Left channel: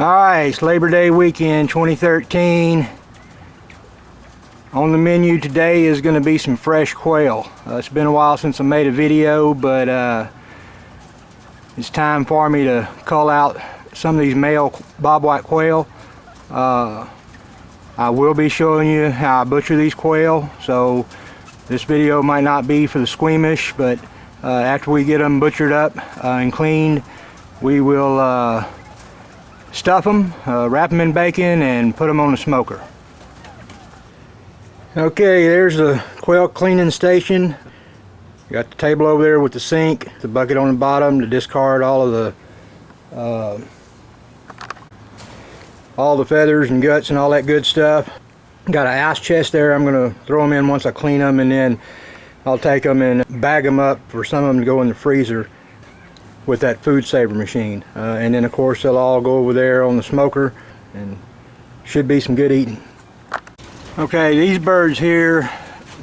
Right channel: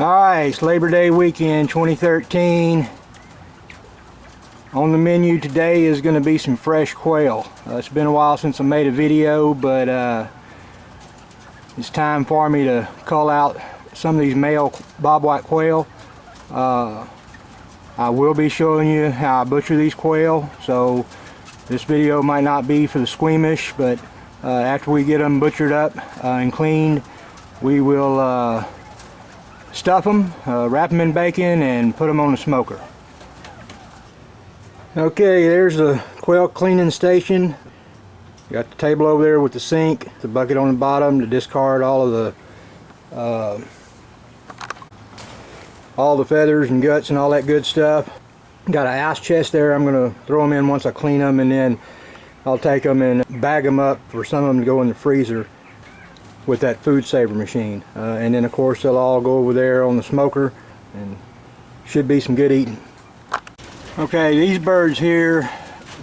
Alright, it's Labor Day weekend 2013. On the menu today is going to be some fresh quail. It's been a while since I made a video, but it's time for me to cull out some of these male bobwhite quail. I will be showing you how I butcher these quail, so this video might not be for the squeamish, but after we get them butchered up and cleaned, we will stuff them, wrap them in bacon, and put them on the smoker. Okay, there's the quail cleaning station. You got the table over there with the sink, the bucket on the bottom to discard all of the feathers and guts and all that good stuff. Got an ice chest there. I'm going to throw them in once I clean them, and then I'll take them and bag them up for some of them to go in the freezer with that food saver machine, and then of course they'll all go over there on the smoker and should be some good eating. Okay, these birds here,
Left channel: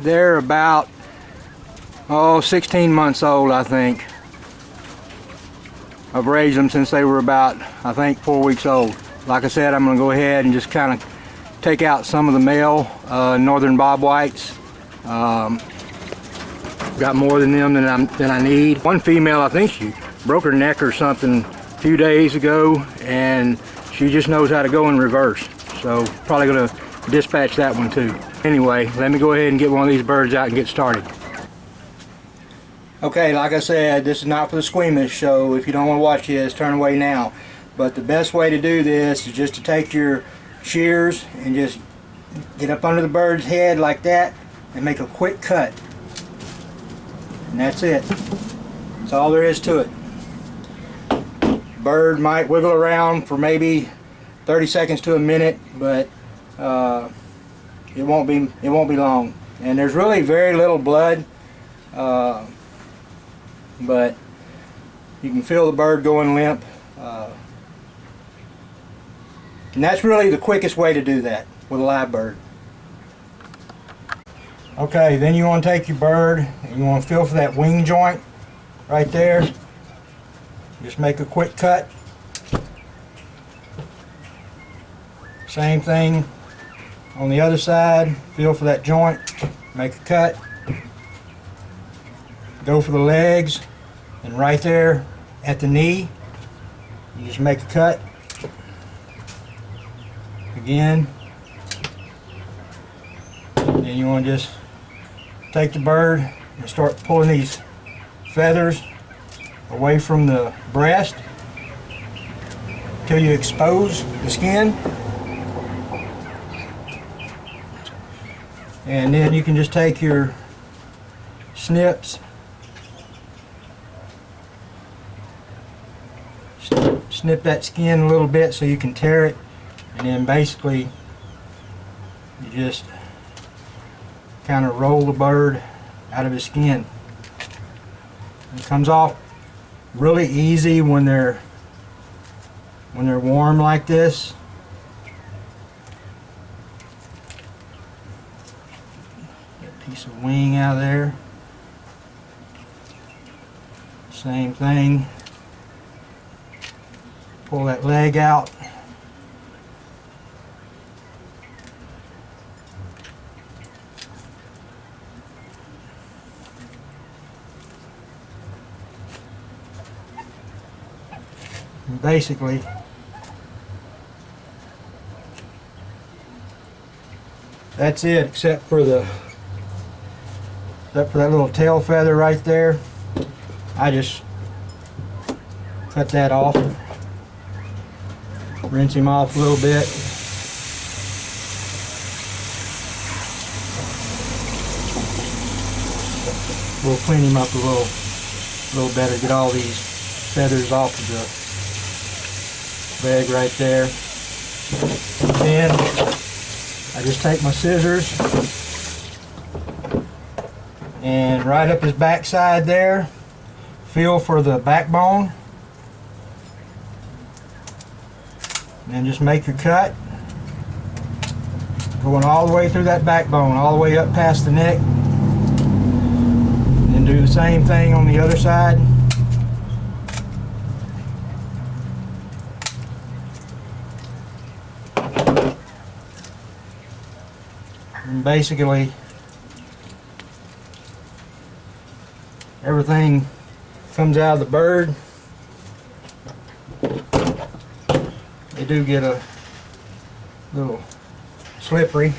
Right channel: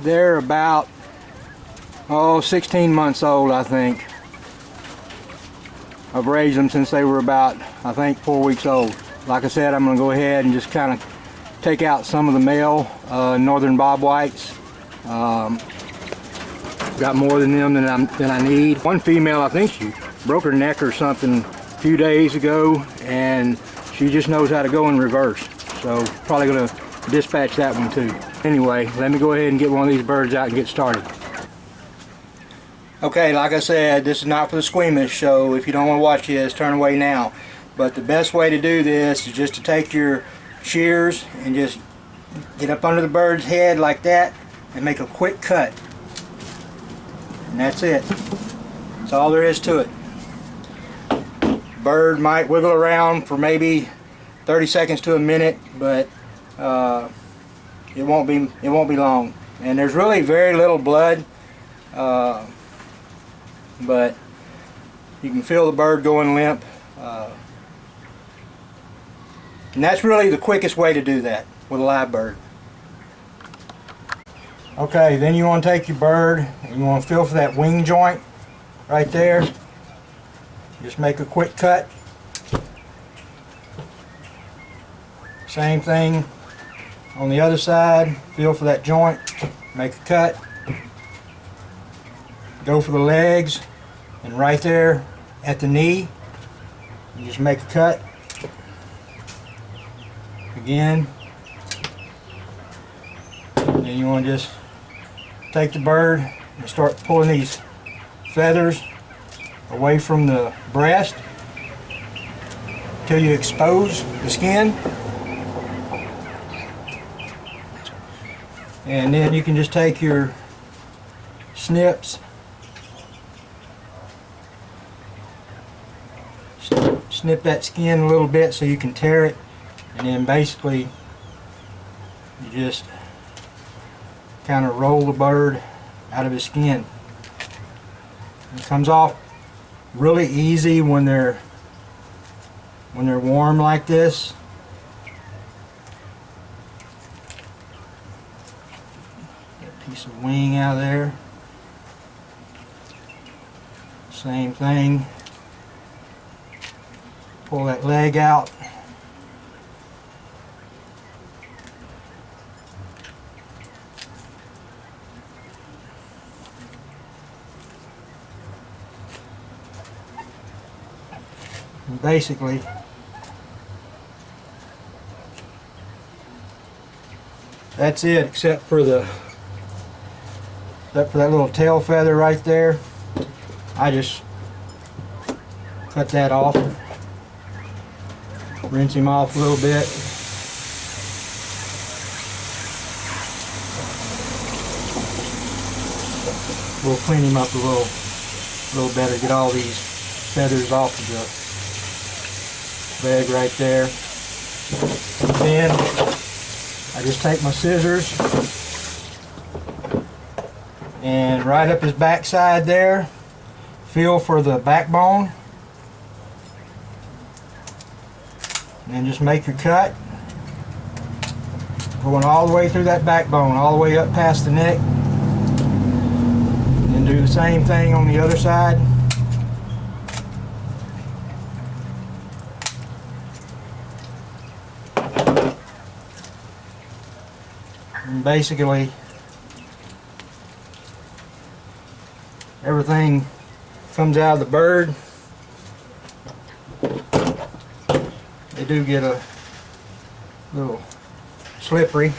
they're about 16 months old, I think. I've raised them since they were about, I think, 4 weeks old. Like I said, I'm going to go ahead and just kind of take out some of the male northern bobwhites. Got more than them than I need. One female, I think she broke her neck or something a few days ago, and she just knows how to go in reverse, so probably going to dispatch that one too. Anyway, let me go ahead and get one of these birds out and get started. Okay, like I said, this is not for the squeamish, so if you don't want to watch this, turn away now. But the best way to do this is just to take your shears and just get up under the bird's head like that and make a quick cut. And that's it. That's all there is to it. Bird might wiggle around for maybe 30 seconds to a minute, but it won't be long. And there's really very little blood, but you can feel the bird going limp, and that's really the quickest way to do that with a live bird. Okay, then you want to take your bird and you want to feel for that wing joint right there. Just make a quick cut. Same thing on the other side. Feel for that joint, make a cut. Go for the legs, and right there at the knee, you just make a cut. Again. And then you want to just take the bird and start pulling these feathers away from the breast until you expose the skin, and then you can just take your snips, snip that skin a little bit so you can tear it, and then basically you just kind of roll the bird out of his skin. It comes off really easy when they're warm like this. Get a piece of wing out of there. Same thing. Pull that leg out. And basically, that's it, except for that little tail feather right there. I just cut that off. Rinse him off a little bit. We'll clean him up a little better. Get all these feathers off of the leg right there. Then I just take my scissors and right up his backside there, feel for the backbone, and then just make your cut, going all the way through that backbone, all the way up past the neck, and do the same thing on the other side. And basically everything comes out of the bird. They do get a little slippery.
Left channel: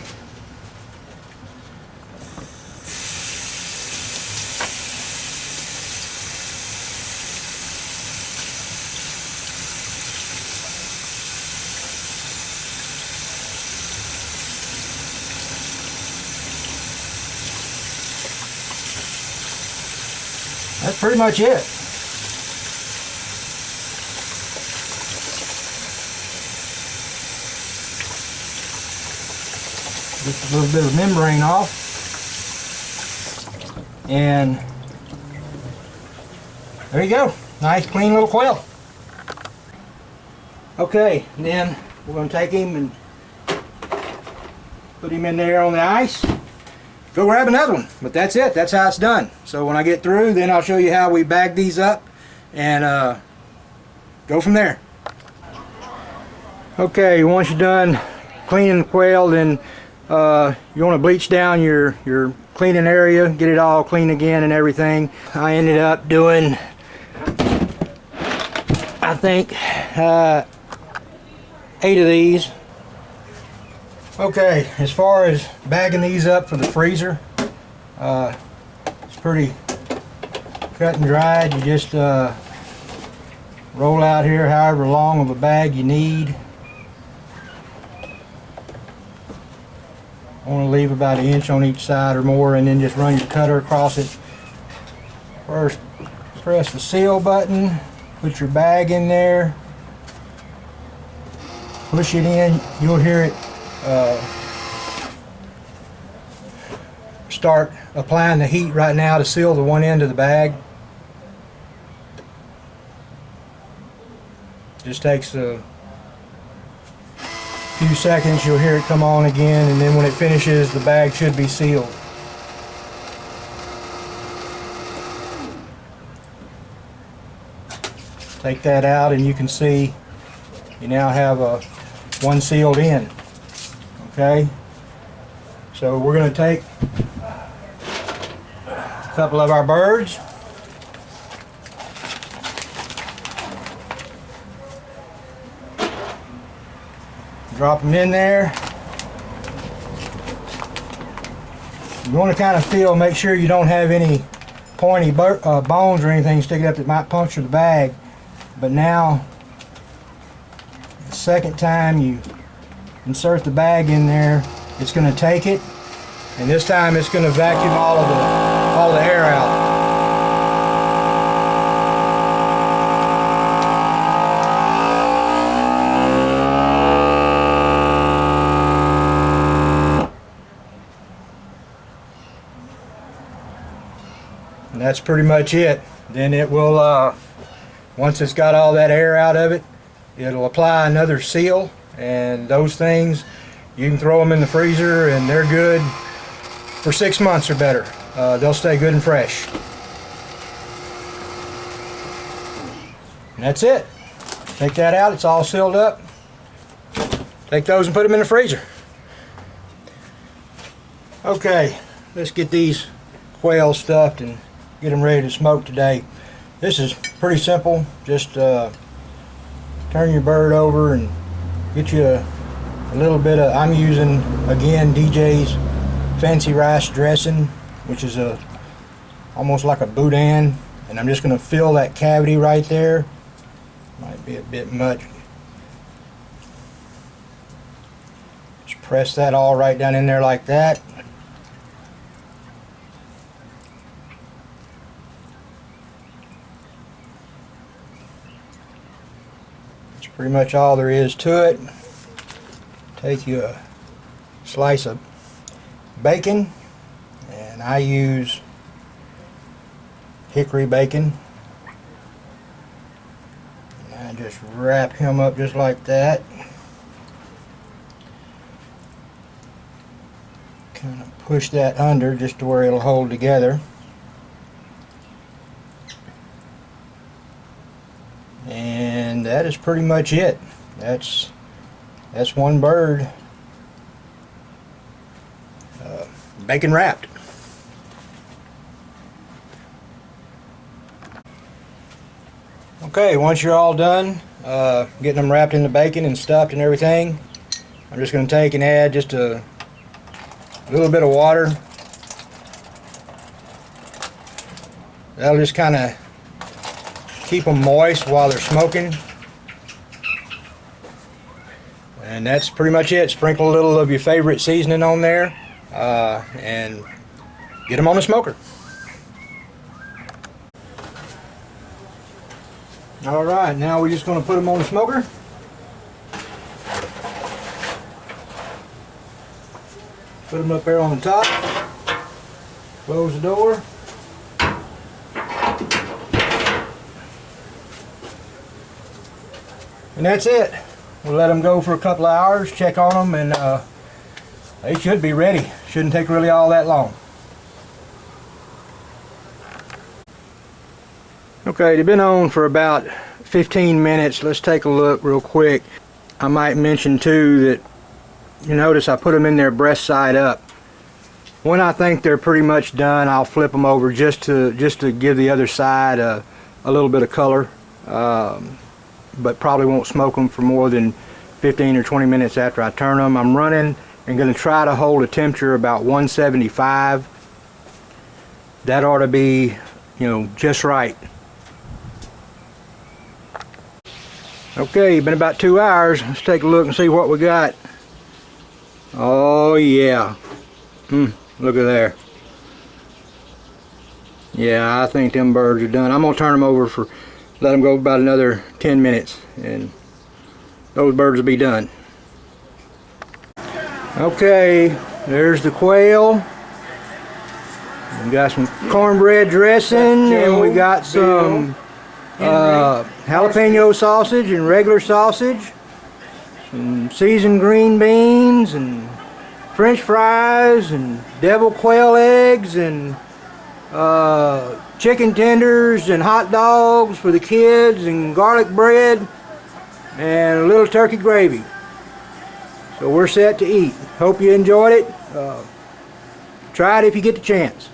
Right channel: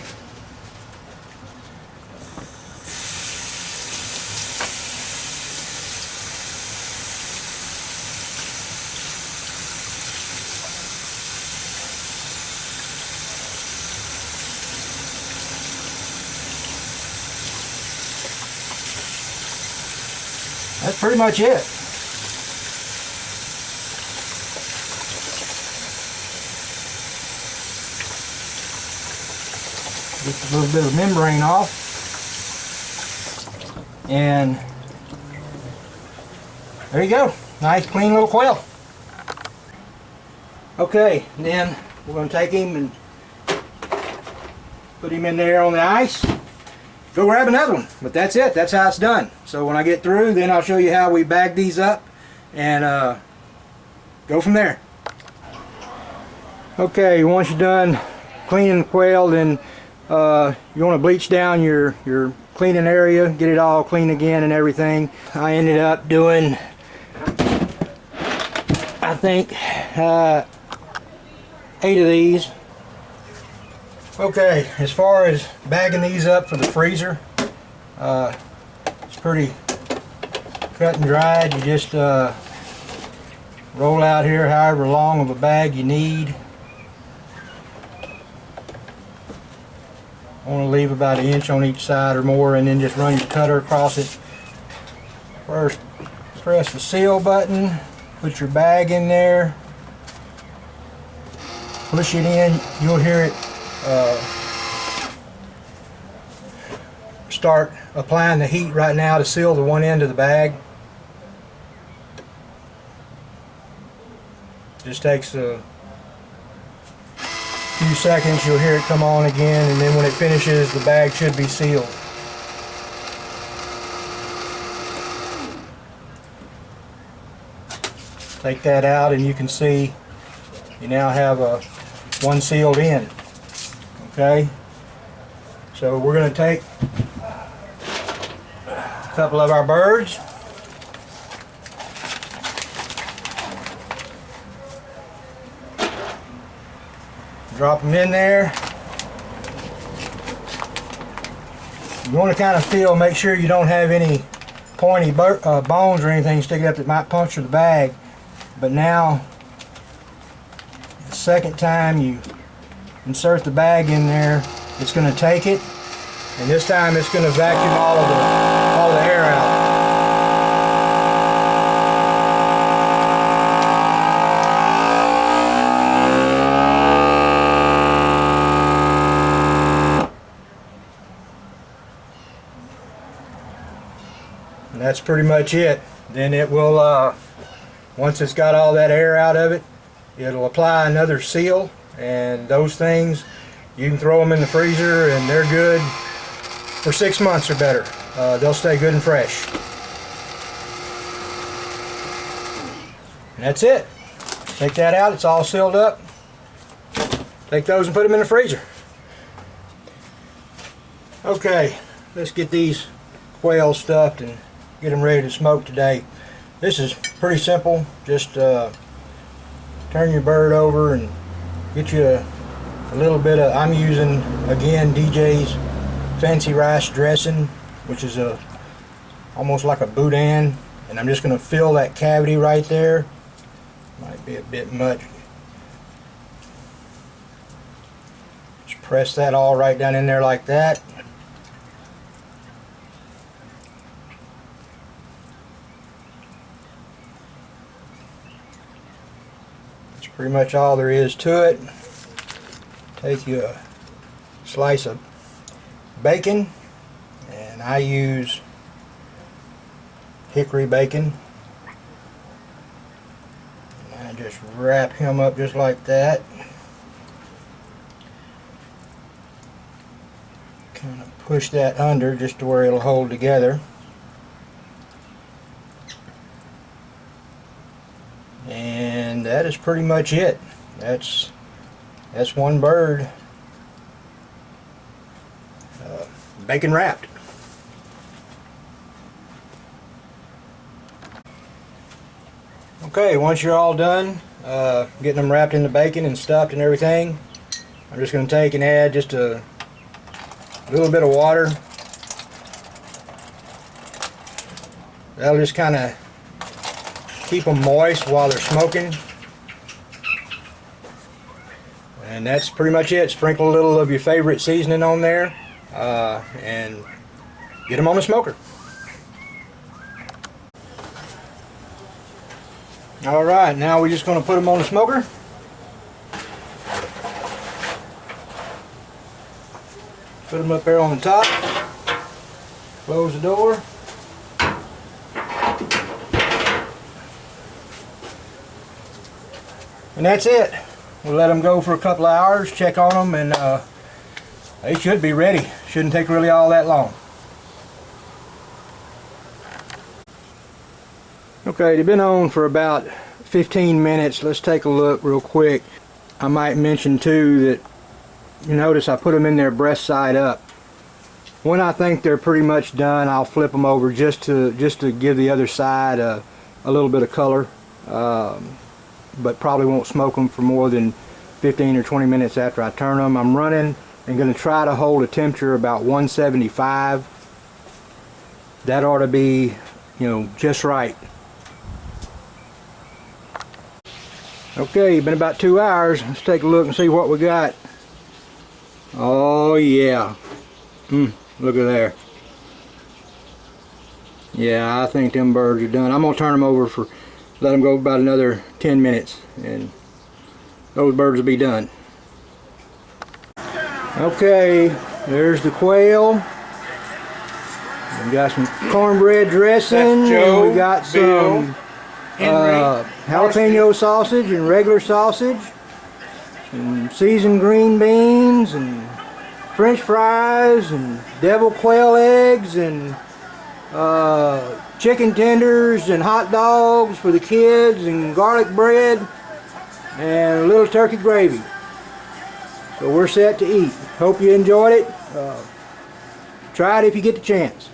That's pretty much it. Just a little bit of membrane off, and there you go. Nice clean little quail. Okay, and then we're going to take him and put him in there on the ice. Go grab another one, but that's it. That's how it's done. So when I get through, then I'll show you how we bag these up and go from there. Okay, once you're done cleaning the quail, then you want to bleach down your cleaning area, get it all clean again and everything. I ended up doing, I think, 8 of these. Okay, as far as bagging these up for the freezer, it's pretty cut and dried. You just roll out here however long of a bag you need. I want to leave about 1 inch on each side or more, and then just run your cutter across it. First, press the seal button, put your bag in there, push it in. You'll hear it start applying the heat right now to seal the one end of the bag. Just takes a few seconds, you'll hear it come on again, and then when it finishes, the bag should be sealed. Take that out and you can see you now have one sealed in. Okay, so we're going to take a couple of our birds, drop them in there. You want to kind of feel, make sure you don't have any pointy bones or anything sticking up that might puncture the bag. But now, the second time you insert the bag in there, it's going to take it, and this time it's going to vacuum all the air out. And that's pretty much it. Then it will, once it's got all that air out of it, it'll apply another seal, and those things, you can throw them in the freezer and they're good for 6 months or better. They'll stay good and fresh. And that's it. Take that out, it's all sealed up. Take those and put them in the freezer. Okay, let's get these quail stuffed and get them ready to smoke today. This is pretty simple. Just turn your bird over and get you a little bit of, I'm using again DJ's fancy rice dressing, which is almost like a boudin, and I'm just going to fill that cavity right there. Might be a bit much. Just press that all right down in there like that. That's pretty much all there is to it. Take you a slice of bacon, and I use hickory bacon. And I just wrap him up just like that. Kind of push that under just to where it'll hold together. And that is pretty much it. That's one bird. bacon wrapped. Okay, once you're all done getting them wrapped in the bacon and stuffed and everything, I'm just going to take and add just a little bit of water. That'll just kind of keep them moist while they're smoking. And that's pretty much it. Sprinkle a little of your favorite seasoning on there and get them on the smoker. Alright, now we're just going to put them on the smoker. Put them up there on the top. Close the door. And that's it. We'll let them go for a couple of hours, check on them, and they should be ready. Shouldn't take really all that long. Okay, they've been on for about 15 minutes. Let's take a look real quick. I might mention too that you notice I put them in there breast side up. When I think they're pretty much done, I'll flip them over just to give the other side a little bit of color. But probably won't smoke them for more than 15 or 20 minutes after I turn them. I'm running and going to try to hold a temperature about 175. That ought to be, just right. Okay, been about 2 hours. Let's take a look and see what we got. Oh yeah. Look at there. Yeah, I think them birds are done. I'm going to turn them over let them go about another 10 minutes and those birds will be done. Okay, there's the quail. We got some cornbread dressing, and we got some jalapeno sausage and regular sausage, some seasoned green beans and French fries and deviled quail eggs and chicken tenders and hot dogs for the kids and garlic bread and a little turkey gravy. So we're set to eat. Hope you enjoyed it. Try it if you get the chance.